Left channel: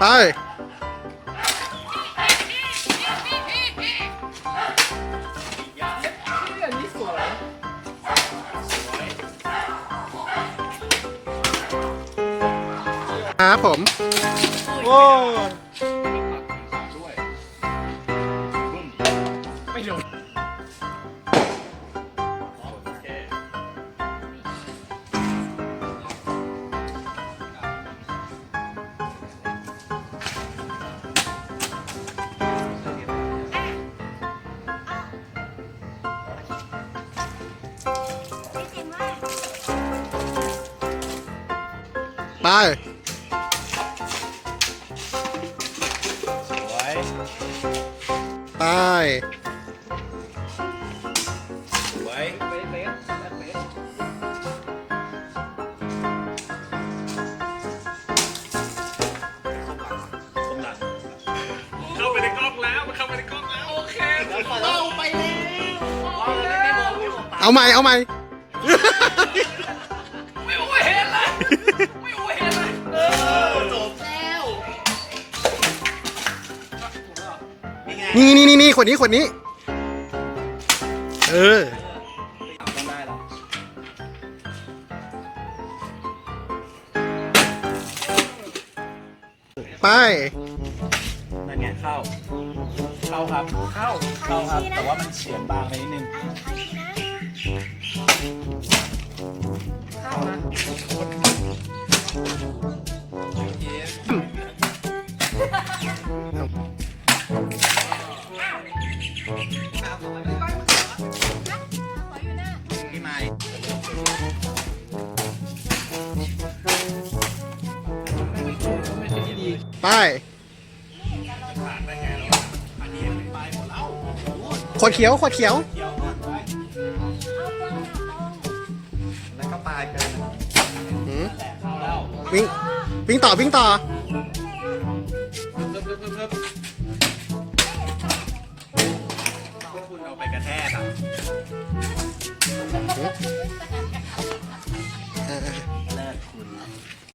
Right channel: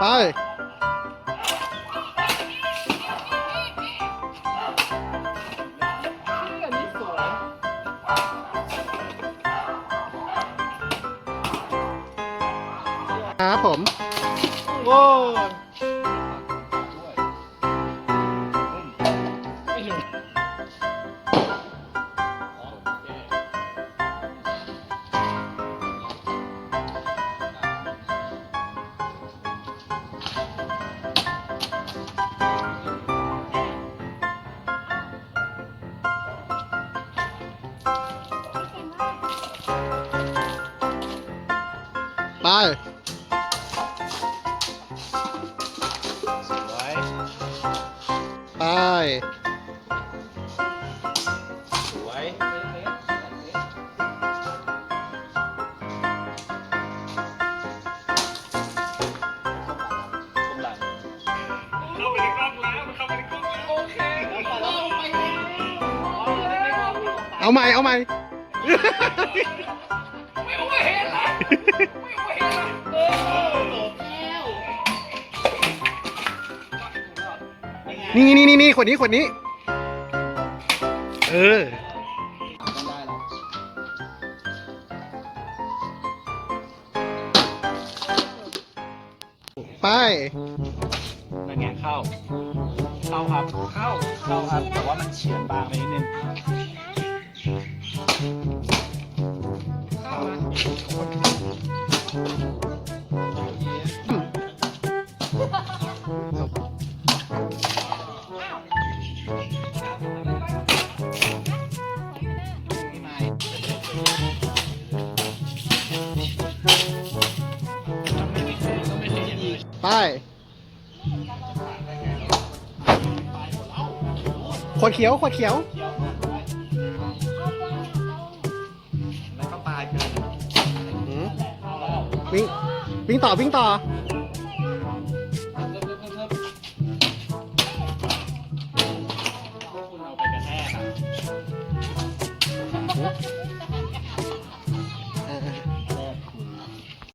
ไปครับผมโอ้ไม่โดนไปไปสวยเข้าไปในกล้องแล้วมันเข้าไปในกล้องแล้วโอเคเข้าไปแล้ว เอาใหม่เอาใหม่ ไม่โอเห็นเลยไม่โอเห็นเลยจบแล้วนี่ขวดนี้เออต้องได้หรอไปนั่นไงเข้าครับเข้าครับแต่ว่ามันเฉียบบางไปนิดนึงไปขวดเขียวหืมวิ่งต่อคุณเอาไปกระแทกครับเลิศคุณ